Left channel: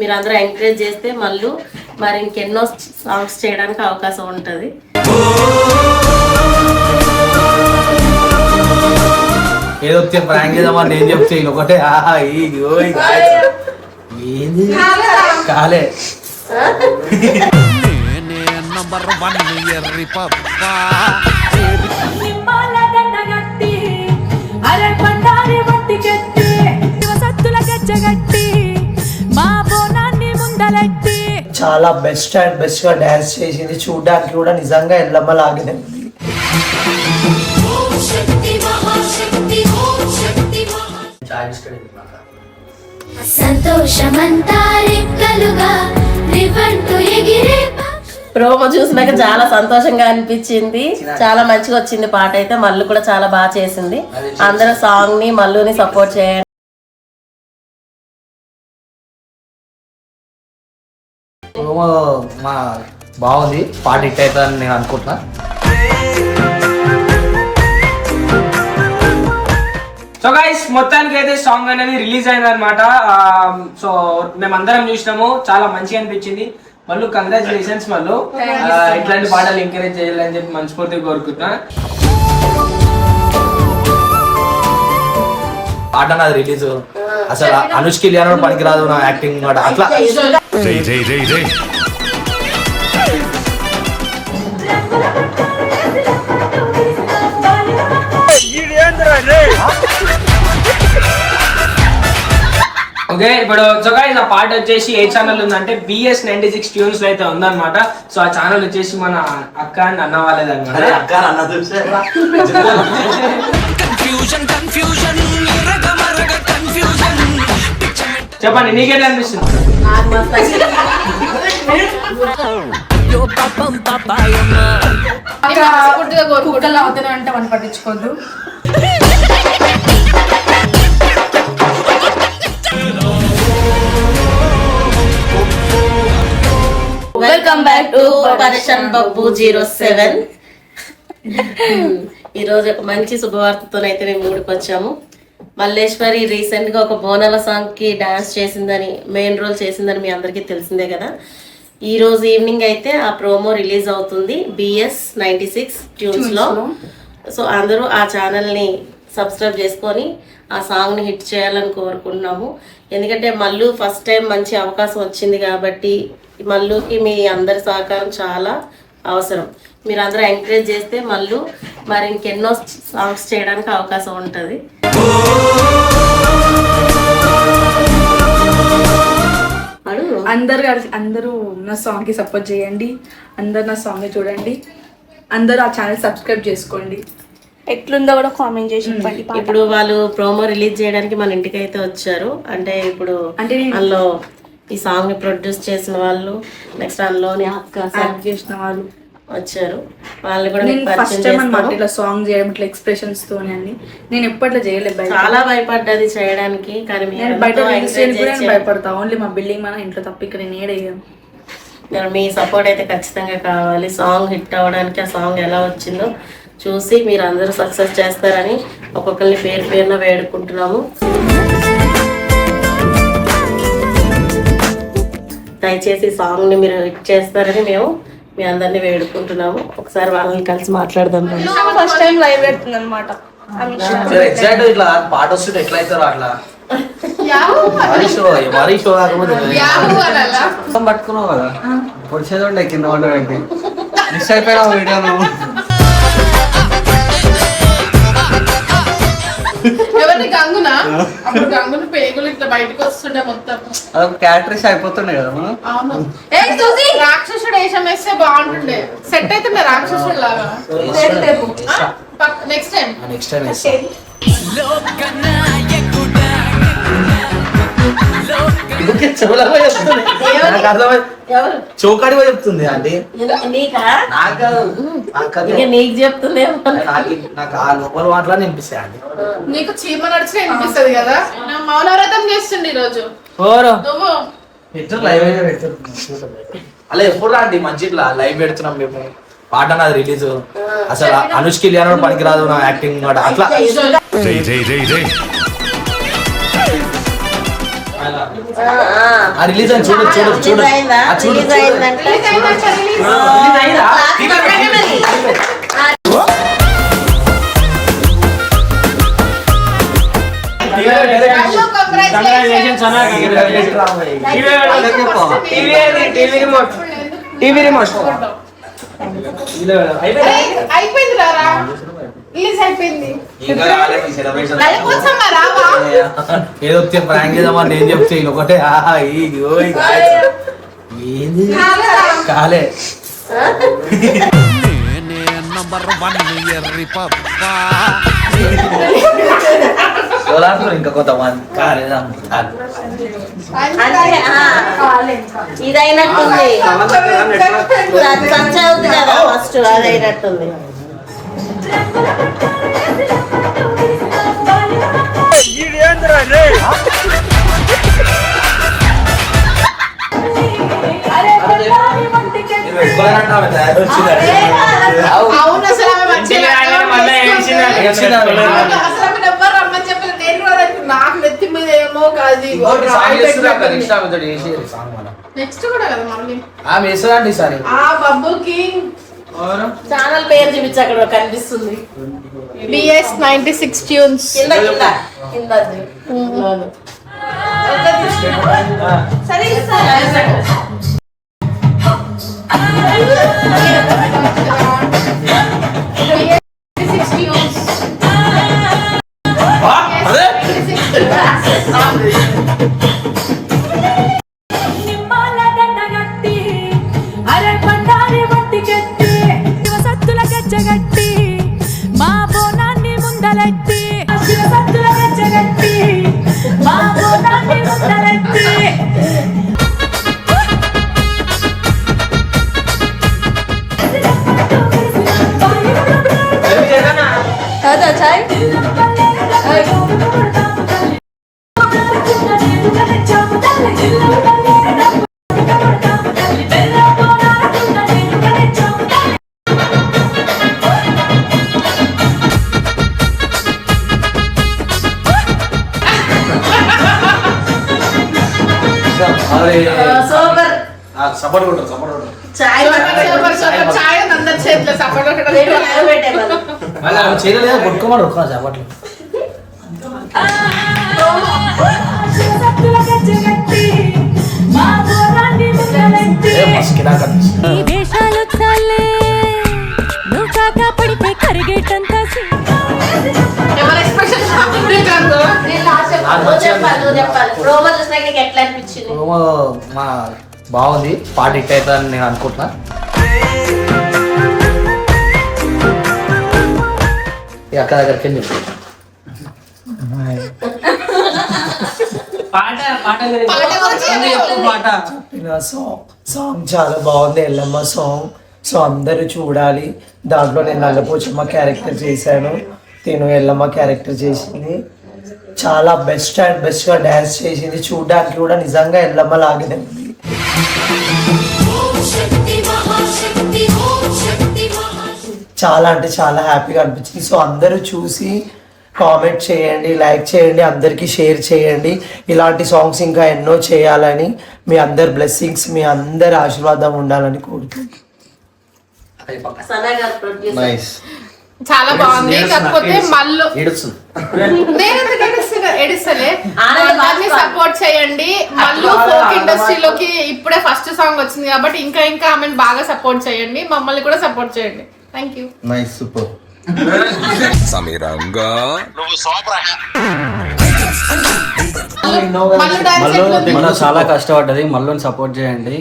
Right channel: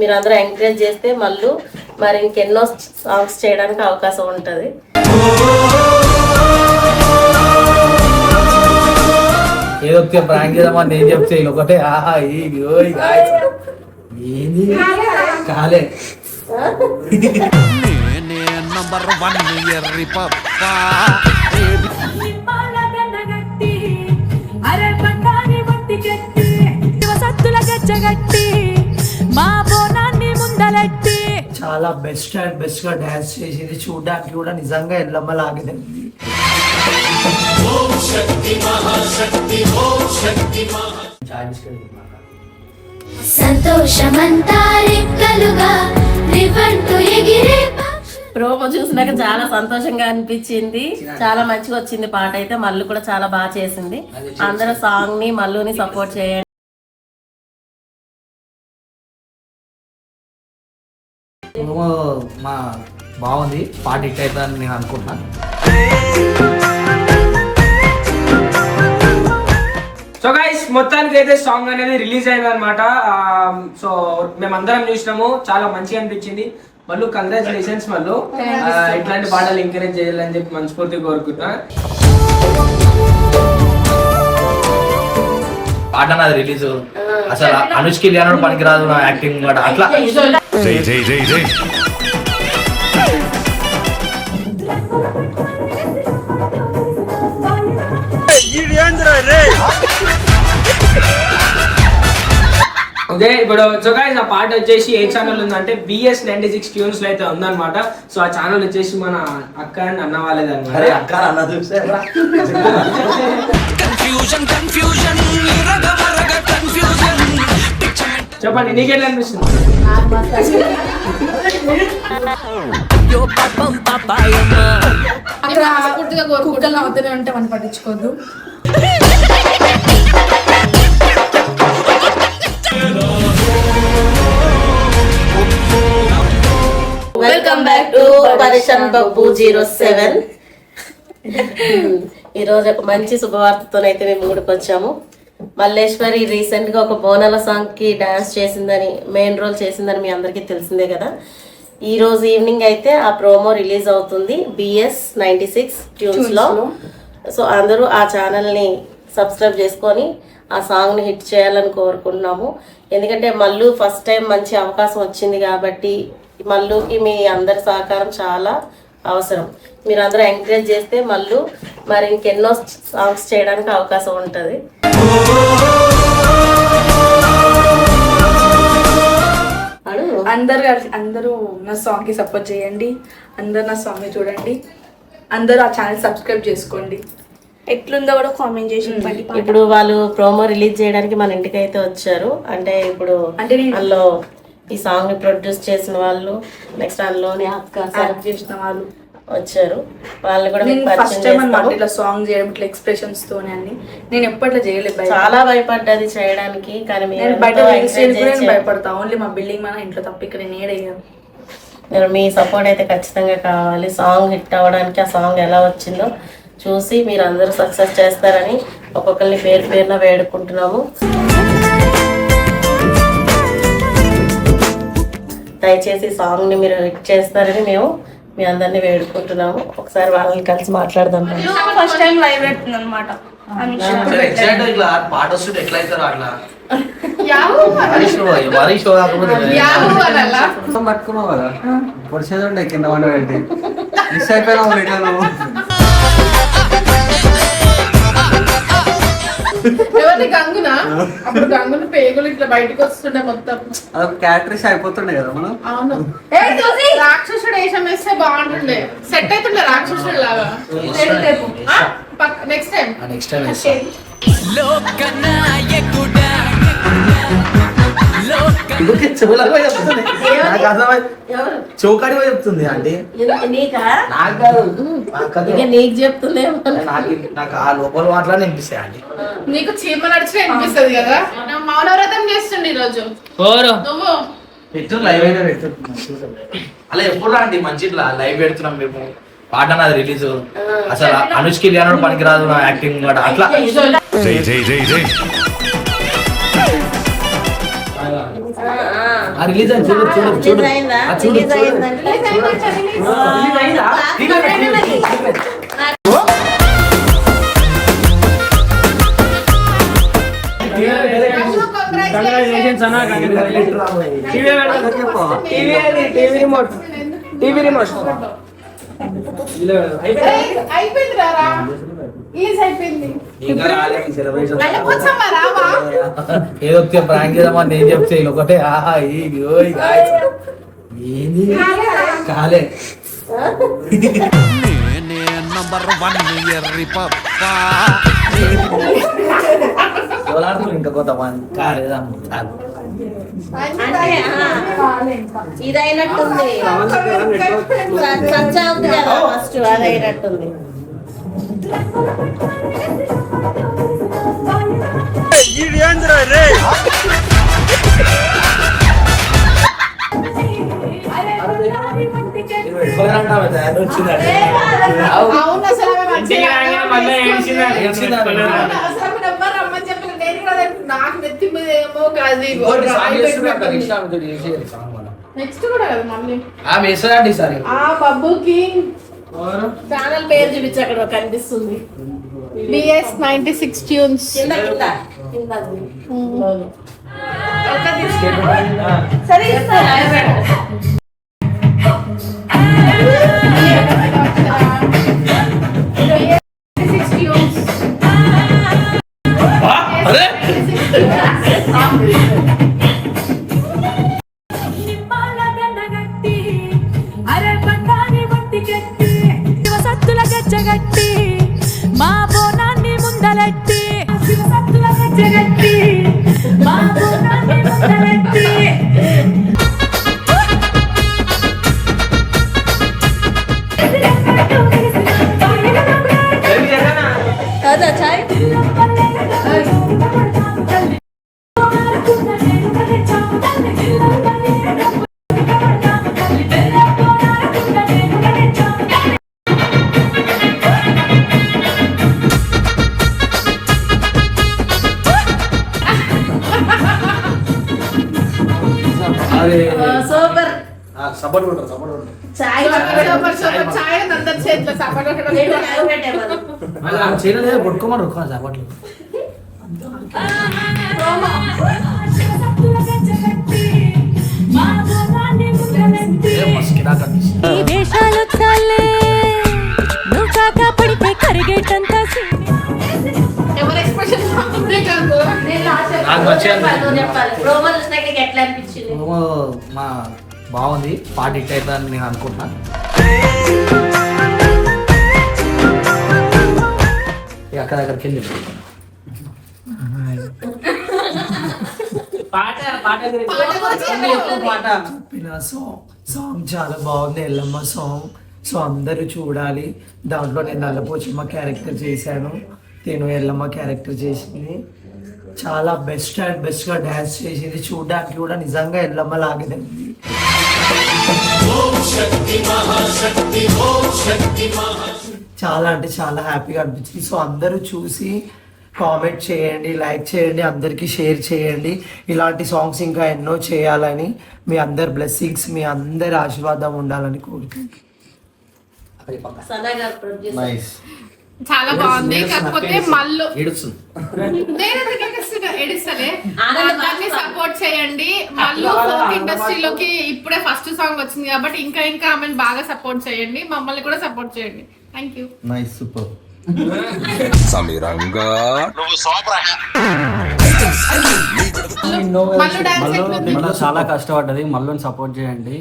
మీరందరూ ఎంకరేజ్ చేస్తే మళ్ళీ మరి ఇంకెన్నో సాంగ్స్ చేయడానికి అవకాశం ఉంటుంది. ఏదో ప్రాంక్ చేద్దామని నేను చెప్తే ఒకటే ఏంది కాలే మా బోనాన్ని ముందలెట్టి చాలా బెస్ట్ అండ్ బెస్ట్ గా డాన్స్ చేసింది. చూడడానికి కూడా నిజంగా ఎల్లమ్మ లాగానే ఉంది. ప్రోమో చూసినాక చాలా సంతోషంగా అనిపించింది. చాలా మంచిగా వచ్చింది పాట అయితే. మల్లు కూడా చాలా బాగా చేసింది. అందరూ సాంగ్ ని మల్లుని సపోర్ట్ చేయండి. మా బాగుంది పాట హిట్ అవుతుందని నేను అనుకుంటున్నా. సో గైస్ మొత్తానికి అయితే సాంగ్ అనేది రిలీజ్ అయింది అనమాట. సో మేమందరం చూసినాము, చాలా మంచిగా అనిపించింది. మళ్ళీ కంగ్రాచులేషన్స్ మళ్ళీ ఇట్లాంటి పాటలు ఎంకరేజ్ చేయాలని చెప్పి మనస్ఫూర్తిగా కోరుకుంటున్నా. పాట నాది రిలీజ్ అసలు అనుష్కి లేనప్పుడు పనికిరాదు నా యాక్టింగ్ కూడా అట్లా. ఓకే, ఇప్పుడు జొగాయిస్ ఆ పాట వచ్చేసి ఏ ఛానల్ ఉందంటే BS 96 ట్యూన్స్ లో అయితే ఉందన్నమాట. సో ఆ ఛానల్ వచ్చేసి మన అక్క అండ్ అన్న వాళ్ళది అనమాట. చెప్పండి, నీకేంటి అనిపిస్తుంది? కుక్కలు అవుతానే అంటే మనం పట్టించుకోవద్దు. వెల్కమ్ బ్యాక్ టు పరిషన్ బబ్బు 07. ఈరోజు ఒక మంచి శుభవార్తతోనైతే మేము ఊరికి వచ్చాము. మల్లేశ్వరి రీసెంట్ గా ఒక బోనాల సాంగ్ కి డాన్స్ చేసిందని, మెయిన్ రోల్ చేసిందని మీ అందరికీ తెలిసిందే కదా. ఈ రోజు ఈవినింగ్ అయితే ఆ ప్రోమో రిలీజ్ అవుతుంది BS 96 ట్యూన్స్ లో. సో అందరూ ఆ ఛానల్ ని సబ్స్క్రైబ్ చేసుకొని ఆ సాంగ్ ని హిట్ చేయాలని కోరుకుంటున్నాము. ఎందుకంటే మల్లు ఫస్ట్ టైం మంచి అవకాశం వచ్చింది కాబట్టి మల్లుకి మీ అందరి సహకారం చాలా అవసరం. మీరు అందరూ ఎంకరేజ్ చేస్తే మల్లు మరి ఇంకెన్నో సాంగ్స్ చేయడానికి అవకాశం ఉంటుంది. అందరూ నా సాంగ్ కి సపోర్ట్ చేయండి. అందరు నా సాంగ్ ని చూడండి. అందరూ ఆ ఛానల్ సబ్స్క్రైబ్ చేసుకోండి. ఎట్లుందో కూడా కామెంట్ చేసి చెప్పండి. ఇప్పుడు వాళ్ళు ప్రోమో రిలీజ్ చేయడానికి మన ఇంటికి అయితే వచ్చారు. అంటే ఇప్పుడు అందులో ఈ సాంగ్ ని ప్రొడ్యూస్ చేసిన వాళ్ళు, నెక్స్ట్ అందులోని యాక్ట్ చేసిన వాళ్ళు వచ్చారు. వాళ్ళు కూడా ఫస్ట్ టైం అన్నమాట ఇట్లా సాంగ్ చేయడం, ఇట్లా ఎక్స్ప్రెషన్స్ తోనే అన్ని. నేను ఎప్పట్లో చేయలేదు, చాలా భయపడ్డది చేయడానికి. కానీ నేను బయట భయపడతా. ఓన్లీ మా బిల్డింగ్ మన ఇంట్లో తప్ప ఇక్కడ నేడయ్యాను. మీ సపోర్ట్ అయితే ఖచ్చితంగా కావాలి. సాంగ్ హిట్ అవ్వడానికి ఆ సాంగ్ ఎలా వచ్చిందో చూసి మీరు అందరూ సక్సెస్ చేస్తారని ఒక్కొక్కరిని పేరు పేరున వేడుకుంటున్నాము. దయచేసి సాంగ్ ని మీరు హిట్ చేస్తారని మేము మీ అందరినీ వేడుకుంటున్నాము. ఒకసారి వాళ్ళని కలిసి మాట్లాడదాం. ఫస్ట్ టైం లైవ్ పెడుతుంది అనమాట. పాట వస్తుంటే ఎట్లా అవుతారో అట్లా మరీ షో కాకపోతే పట్టుకున్నావు కదా పొడిచేది కింద వండబెట్టి మిస్ అయిపోయినా వీడియోలో. ఎవరి గంగునా? అప్పుడు గంగులు పేగులు ఇట్లా బయటకు వస్తుండే మొత్తం. అదొక క్యారెక్టర్స్ అయిపోతుండే కదా మనం. అవును, రాక్షసుడు వేషం వేస్తే బాగుంటుండే, సెట్ అవుతుండే రాక్షసుడు లాగా. నెక్స్ట్ టైం చౌకాడి చెప్తుంది అంటే నీకు చెప్తుందే. నాకు ఆ లోపల మాట్లాడి వినిపిస్తాయి అండి. నీకు చీమ నడిచిన వినిపిస్తుంది కదా. మౌనవ్రతం చేస్తుండే ఈ రోజు నువ్వు. లైవ్ అయితే అలా ఎప్పుడు అండి మంచి లైవ్ పెడుతున్నాం మేము. పాట నాది రిలీజ్ అసలు అనుష్కి లేనప్పుడు పనికిరాదు నా యాక్టింగ్ కూడా అట్లా. రిలీజ్ అని చూడు చూడు చూడు ఆ చూడు రిలీజ్ అయిందంటే రిలీజ్ అయిందంట, రిలీజ్. మల్లు, కంగ్రాచులేషన్స్ అన్న. టీవీ రిమోట్ అయిపోయింది రా. రిలీజ్ అయిపోయింది. వెళ్ళిపోతామా, రావా? ఏదో ప్రాంక్ చేద్దామని నేను చెప్తే ఒకటే ఆహా ఇది ఓయ్ ఏంది కాలే ఇంకా కొంతమంది కాలేదా అంటే ఇదైనట్టుంది టచ్ అవుతుంది కదా ఫస్ట్ అదైనట్టుంది. అవును, అసలు ఆమె మంచిగా అసలు ఆమె ఎవ్వరు రమ్మని చెప్పలేదు. నేను కూడా అనుకున్నా, నాకు నెత్తి మీద ఏమో కాదు నెక్స్ట్ కూడా కదా మళ్ళీ ఆమె వేస్తారండి ఈసారి ఆ బబ్బుకి ఛానల్ పేరు చూపించి అక్కడ కనిపిస్తుంది. BS 96 tunes. కింద కింద కింద అది. లోను. సరే ఇస్తాను. గజ్జగట్టి మా బోనాన్ని ముందలెట్టి శివసత్తుల గజ్జగట్టి మా బోనాన్ని ముందలెట్టి సూపర్ సపోర్ట్ కొట్టు సపోర్ట్ కొట్టు చాయ్ చాయ్ అందరి చేతిలో సపోర్ట్ చేయలేదు కొట్టుకోమని ఒక్క చెప్పట్లు శివసత్తుల గజ్జగట్టి మా బోనాన్ని ముందలెట్టి ఈ వేషాలు చాలే నువ్వు కాక పడితే కరిగేటంత ఎట్లా అనిపించింది? మా బాగుంది పాట హిట్ అవుతుందని నేను అనుకుంటున్నా. ఈ అక్క దగ్గరికి వెళ్ళి సాంగ్ చాలా బాగుంది, ఎల్లమ్మ సాంగ్. సో అందరూ చూడాలి. దాంట్లో నేను నల్లపోచమ్మ క్యారెక్టర్ చేశాను, నేను ఎల్లమ్మ క్యారెక్టర్ చేసింది. చాలా బెస్ట్ అండ్ బెస్ట్గా డ్యాన్స్ చేసింది. చూడడానికి కూడా నిజంగా ఎల్లమ్మ లాగానే ఉంది. చాలా అంటే చాలా హ్యాపీగా అనిపించింది. సో అందరూ చూసి కామెంట్ చేయండి, లైక్ చేయండి, అందరికీ షేర్ చేయండి. ఇలాంటి సాంగ్స్ ఇంకా ఎన్నో చేయాలని, మీ అందరి బ్లెస్సింగ్స్, మీ అందరి ఆశీర్వాదం ఉండాలని కోరుకుంటున్నాను. సనా గారు ప్రొడ్యూసర్. చాలా బాగుంది. కాకపోతే మళ్ళీ ఏడుస్తుంది. ఎడిస్తలే అందరినీ సపోర్ట్ చేయండి. మళ్ళీ ఫోక్ ఇండస్ట్రీలోకి ఇప్పుడే ఫస్ట్ సాంగ్ వచ్చింది కాబట్టి ఇంకా ఇంకా ఆమెను బాగా సపోర్ట్ చేయండి. మమ్మల్ని కూడా సపోర్ట్ చేయండి. Thank you. నైస్ సూపర్ మళ్ళీ చాలా కష్టపడ్డది. మళ్ళీ సపోర్ట్ చేయండి.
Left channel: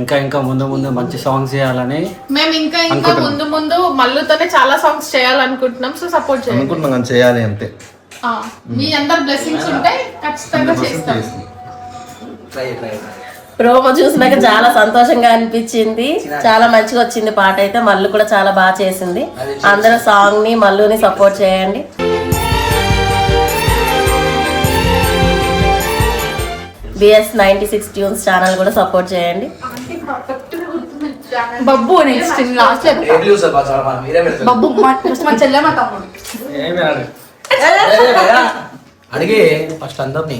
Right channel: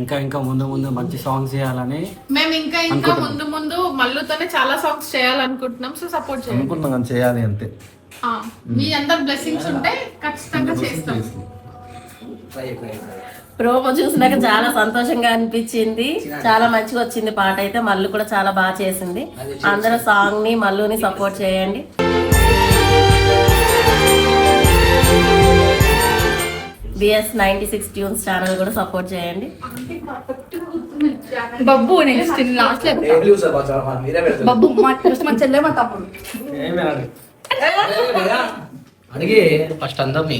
ఇంకా ఇంకా ముందు ముందు మంచి సాంగ్స్ చేయాలని మేము ఇంకా ఇంకా ముందు ముందు మళ్ళీతోనే చాలా సాంగ్స్ చేయాలనుకుంటున్నాం. సో సపోర్ట్ చేయండి. అనుకుంటున్నాం చేయాలి అంతే. మీ అందరు బ్లెస్సింగ్స్ ఉంటే ఖచ్చితంగా చేస్తాం. ప్రోమో చూసినాక చాలా సంతోషంగా అనిపించింది. చాలా మంచిగా వచ్చింది పాట అయితే. మల్లు కూడా చాలా బాగా చేసింది. అందరూ సాంగ్ ని మల్లుని సపోర్ట్ చేయండి. BS 96 ట్యూన్స్ ఛానల్ కూడా సపోర్ట్ చేయండి. బబ్బు నెక్స్ట్ లాస్ట్ బబ్బు మా చెల్లె మా తమ్ముడు అడిగి ఫస్ట్ అందరినీ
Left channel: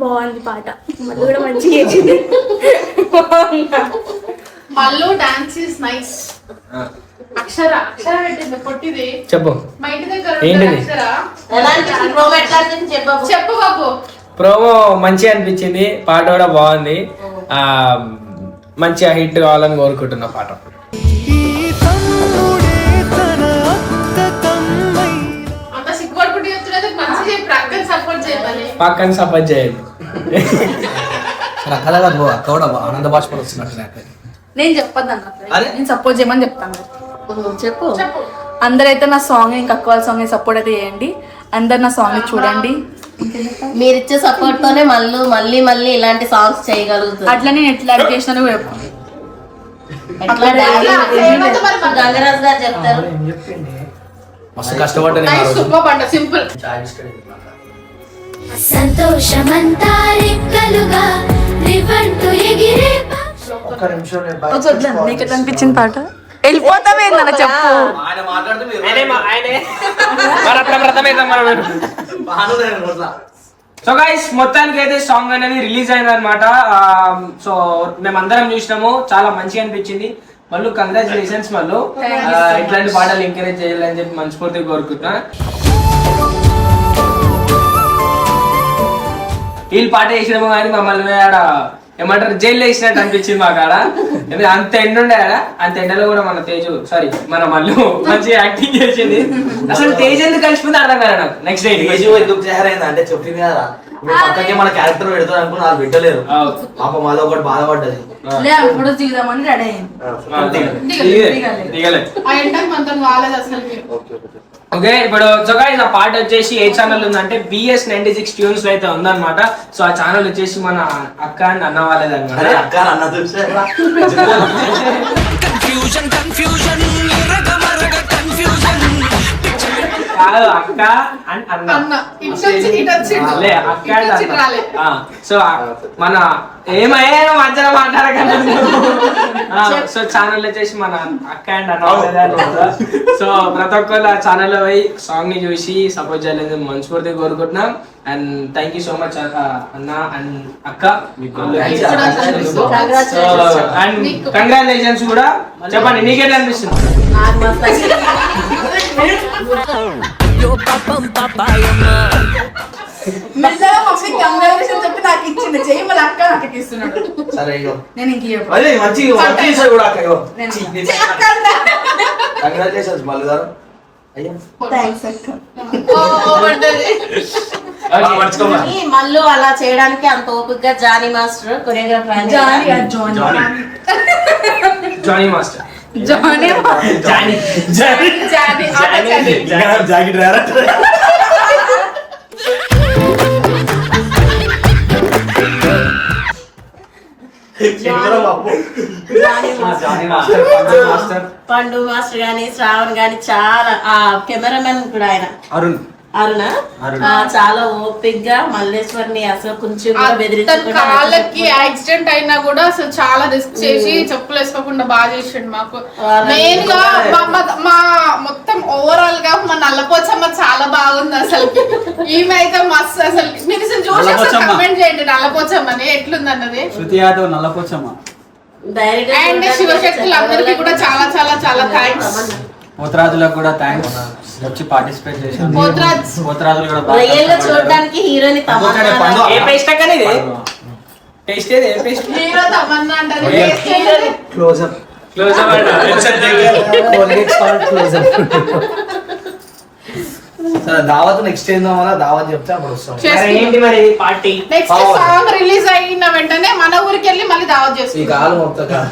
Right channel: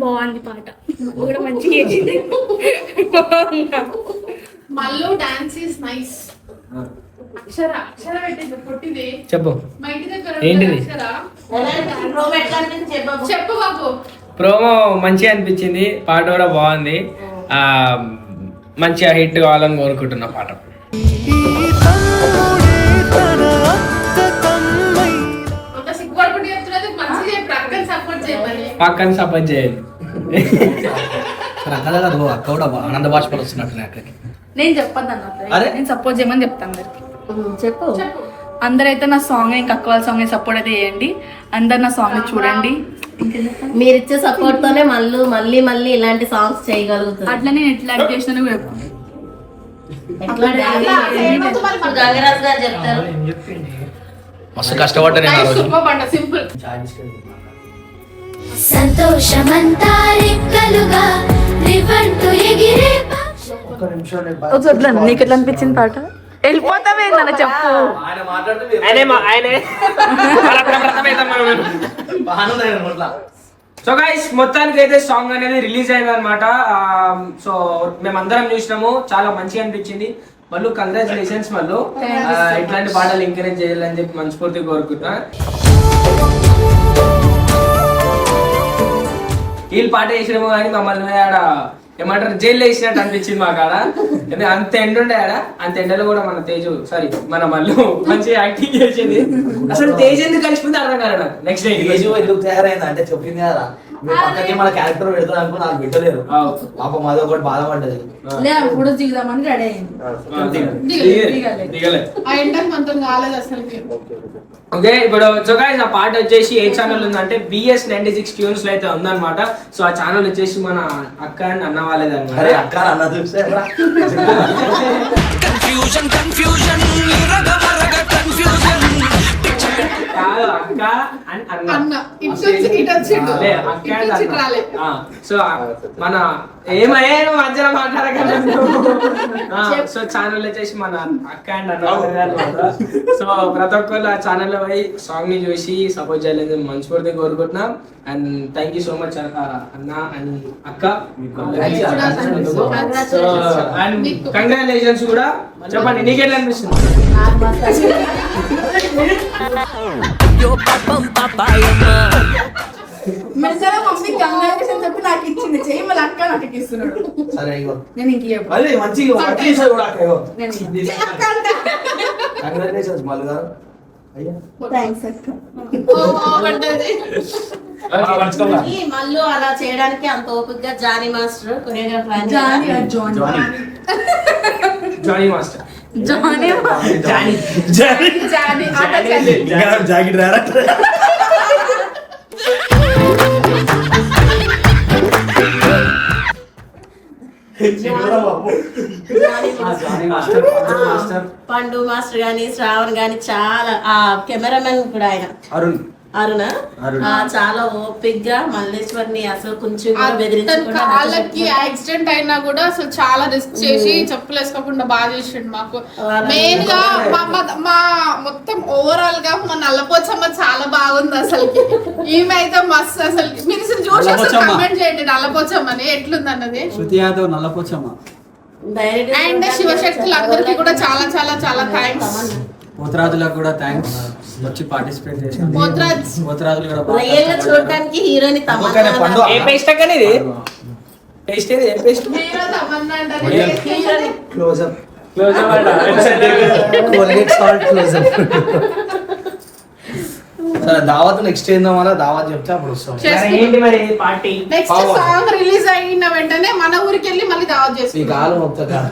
బాగుంది పాట, మళ్ళీ కూడా మంచిగా చేసింది. Mallu dance is nice. Akshara పెట్టింది పొట్టిది. చెప్పు మా ఇంటి దగ్గర ఏంటిది? అక్షర చెప్పు చెప్పు బాబు. ప్రోమో మంచిగా అనిపించింది, పాట కూడా బాగుంది. మంచిగా హిట్ కావాలని కోరుకుంటున్నా పాట. అంత సిగ్గుపడుకుంటూ చెప్తున్నది మంచిగా చెప్పు. అక్కని సపోర్ట్ చేయమని. పక్కన సపోర్ట్ చేయాలి. సరే అక్క దగ్గర నువ్వు అక్క కూడా ఆనంద బాష్పాలు వస్తున్నట్టు అక్కడికి. నేను చెప్పొద్దు అన్న, అరే? నేను సపోర్ట్ చేయమని చెప్తాను మరి. చెప్పు చెప్పు. అందరైతే నా సాంగ్ ఇంకా అక్క వాళ్ళ సాంగ్ సపోర్ట్ అయితే చేయండి. అందరు నా సాంగ్ చూడండి. మీరిచ్చే సపోర్ట్ తోనే మళ్ళీ మళ్ళీ ఇలాంటి సాంగ్స్ చేయగలుగుతుంది. అట్లా నేను ఎట్లా యాక్ట్ చేసినానో చెప్పు. ఎట్లా గంగరాజ్ గారు చెప్తారు. మస్తు కష్టపడ్డా నేను ఆ రోజు. Super simple. సంతోషమంతా రెక్కలుగా రివంటు ఎగిరే ఒక్క నిమిషం నేను బయట వద్దు, నీకు ఎట్లా అనిపించింది పాట? వెళ్ళిపోతావేందన్న చెప్పు. ఆయన మాట్లాడుతూ సో గైస్ మొత్తానికి అయితే సాంగ్ అనేది రిలీజ్ అయింది అనమాట. సో మేమందరం చూసినాము, చాలా మంచిగా అనిపించింది. మళ్ళీ కంగ్రాచులేషన్స్ మళ్ళీ. ఇట్లాంటి పాటలు ఎంకరేజ్ చేయాలని చెప్పి మనస్ఫూర్తిగా కోరుకుంటున్నా. వీళ్ళు పాట వేసినాము కానీ మమ్మల్ని ఆడ ఏమంటారు జైల్లో వేసినట్టు అనిపించింది మాకు ఆడ. అంత ఎండ ఉండే ఆడ, అంత ఎండలో కూడా మన తేజు మన మళ్ళీ మంచిగా యాక్టింగ్ చేసింది. అసలు తేజ్ ఎందుకు కలిసిపోతే అర్థం కదా నాకు. నెక్స్ట్ డే ఎందుకు తయారైంది అంటే చెప్పింది కదా, మీ పక్కకి మన క్యారెక్టర్ పెడతారు అనుకుని వాళ్ళు పెట్టలేరు. పాపం అదో ఒకటి బాధపడ్డది. ఫోటోస్ దిగుదామని రెడీ అయింది. దిగలే. ఆ ఎండకు మనతో కాలేదు అసలు. ఓకే, ఇప్పుడు ఆ పాట వచ్చేసి ఏ ఛానల్ ఉందంటే BS96 ట్యూన్స్ లో అయితే ఉందన్నమాట. సో ఆ ఛానల్ వచ్చేసి మన అక్క అండ్ అన్న వాళ్ళది అనమాట. అక్క అన్నది కాదు, అక్క అండ్ అన్న. అన్న ఇటు వచ్చిండు. లే, అక్క and ఇటు అన్న. రాలే. సో మన ఏమయ్యా మధ్యలో మాట్లాడకండి. సో ఛానల్ వచ్చేసి మన అక్క అండ్ అన్న వాళ్ళది అన్నమాట. సో ప్రతి ఒక్కరు ఆ ఛానల్ పోయి సాంగ్ ని చూసి సపోర్ట్ చేయాలని మనస్ఫూర్తిగా కోరుకుంటున్నాం. And thank you so much అన్న అండ్ అక్క. అండ్ కంగ్రాచులేషన్స్ కూడా చెప్పండి, నీకెట్లా అనిపిస్తుంది? మెల్లగా మమ్మీ కంగ్రాచులేషన్ చెప్పి నాకు ఇచ్చింది, చెయ్యి మళ్ళీ అక్క నాకు ఇస్తున్నాడు. సరే నేను ఇంక చెప్పు. అదే మంచిగా కూడా అక్క నేను కంగ్రాచులేషన్స్ మల్లు గారు. అయ్యా థ్యాంక్స్ అక్క. మళ్ళీ అలా చేయడానికి అంత ఓపికగా Jani master choreographer Jani master jacket రారా పండు మాస్టర్ గాని శ్రావణ్ గాని చాలా ఆ కెమెరామెన్ కూడా ఆయన అరుణ చాలా ఓపిక్ గా మల్లేశ్వర్ని అసలు కొంచెం కాళ్ళకి యాక్సిడెంట్ అయినా కూడా అసలు చాలా రిస్క్ చేసి చెప్పులు వేసుకోకుండా బాగా చేసాడు మాకు. మెయిన్ గా మా మొత్తం ఓవరాల్ గా మా నల్లపోచమ్మ చాలా బాగుంది అసలు. ఈమె అయితే మస్తు అసలు. మీరు చూసి కమెంట్ చేయండి నల్లపోచమ్మని ఎట్లుంది అన్నది. శృతి యాదవ్ నల్లపోచమ్మ. అండ్ శివశక్తులు అందరికీ కూడా చాలా చాలా చాలా థ్యాంక్స్. పోతరాజులకు కూడా థ్యాంక్స్ వచ్చి పార్టిసిపేట్ చేశారు. పోతరాజులు కూడా రియల్ గా చూడడానికి హీరోయిన్ ఏ పేస్ట్ అక్కనే పేస్ట్ ఏది ఏ పేస్ట్ హీరో తమన్నా అంటారు. Closeup close Colgate salt Closeup. సరే దావత్ నెక్స్ట్ ఏందో మన దావత్ చెప్తే అప్పుడు వస్తాం. ఏంటి మరి పార్టీ? నెక్స్ట్ సాంగ్ రిలీజ్ అయిన వెంటనే మన ఊరికి వెళ్ళి మళ్ళీ దావత్ ఈ చేస్తాం. కాలు మొత్తం కాదు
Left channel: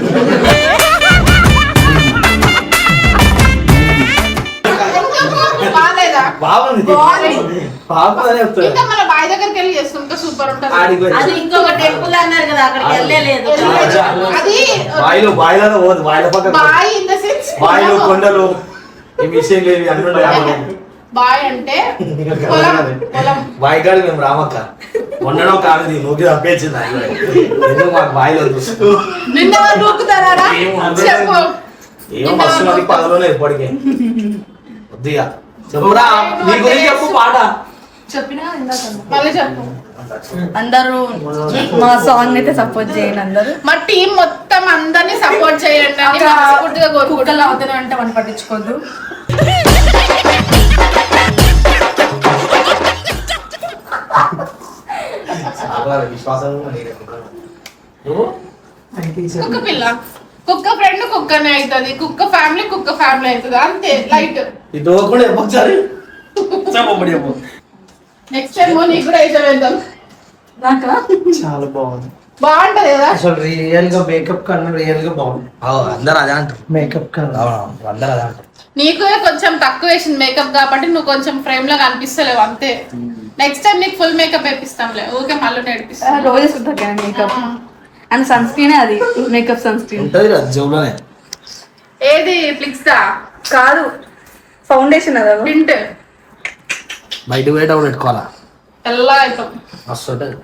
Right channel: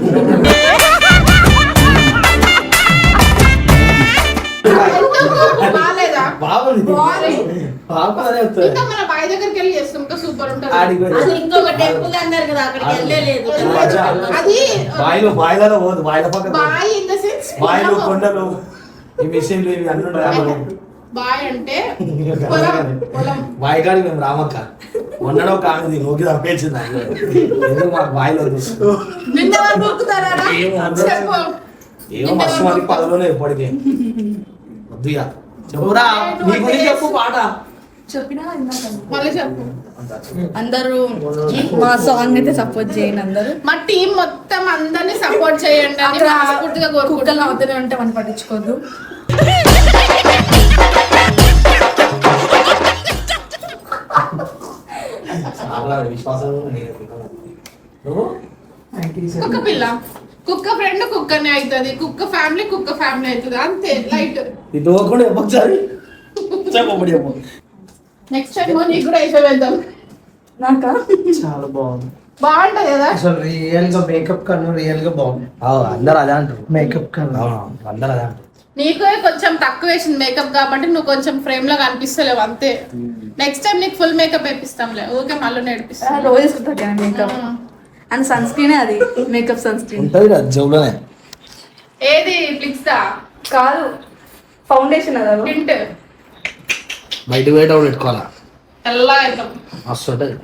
బాగాలేదా? బాగుంది బాగుంది. బాగు అని చెప్తారు. ఇంకా మన బాయ్ దగ్గరికి వెళ్ళి చేస్తుంటే సూపర్ ఉంటుంది. అది ఇంకొక టెంపుల్ అన్నారు కదా, అక్కడికి వెళ్ళలేదు. అది బాయిలలో పోదు, బాయిల పక్కన బాయ్ ఇన్ ద సెన్స్ బాయిలు కొండలు ఈ విషయం లేదు అన్ని ఉంటాయి. బాయ్ అంటే పొలం పొలం. బాయి కాడికి మేము రామక్క ఉండడం కాదు నూకి తప్పేసింది. ఎందుకు మాకు బాయిలో నిన్న నూకుతారా? చెప్పు. ఏమో మస్తు మంది పదలోనే ఇప్పటికే వద్దుగా చెప్పురా నీ గురించి చెప్పు పాట చెప్పినా మళ్ళీ చెప్పు. అందరూ మా సాంగ్ అయితే సపోర్ట్ చేయండి అందరూ. మా టీం మొత్తం అందరినీ సపోర్ట్ చేయండి అని అక్కడ మనస్ఫూర్తిగా కోరుకుంటున్నాం. కుక్కలు అవుతూనే ఉంటే మనం పట్టించుకోవద్దు. కుక్క పిల్ల కుక్క ఫ్రెండ్ కుక్కనే అవుతుంది, కుక్క ఫ్యామిలీ అవుతుంది, అంతే లైట్. ఇది కూడా ఒకసారి నెక్స్ట్ టైం నీకు కూడా అయితే వెళ్దాం. నాకా చాలా బాగుంది, బాగుంటది కదా. అసలు రియల్ గా మేకప్ కన్నా రియల్ గా బాగుంది. అందరు అదే అంటారు, మేకప్ కన్నా అందరు అదే అంటారు. నీకు కొంచెం తక్కువ వేసింది మేకప్ కాబట్టి నువ్వు కొంచెం ఫ్రేమ్ లో కనిపిస్తలేవు అంతే. నెక్స్ట్ టైం నీకు ఫుల్ మేకప్ వేపిస్తాంలే, ఓకే మళ్ళీ నేర్పిస్తాం. రోజు వేసుకుంటా మేకప్ అండ్ సన్ స్క్రీన్, అది మేకప్ సన్ స్క్రీన్ ఉంటది కదా జోబులోనే. ఏది ఫ్లిక్స్ దా కాదు, ఫౌండేషన్ అదా టింట్ బయట పోయేటప్పుడు పెట్టుకోవాలా, తెల్లగా అవుతాం. మస్తు ఉంటుంది.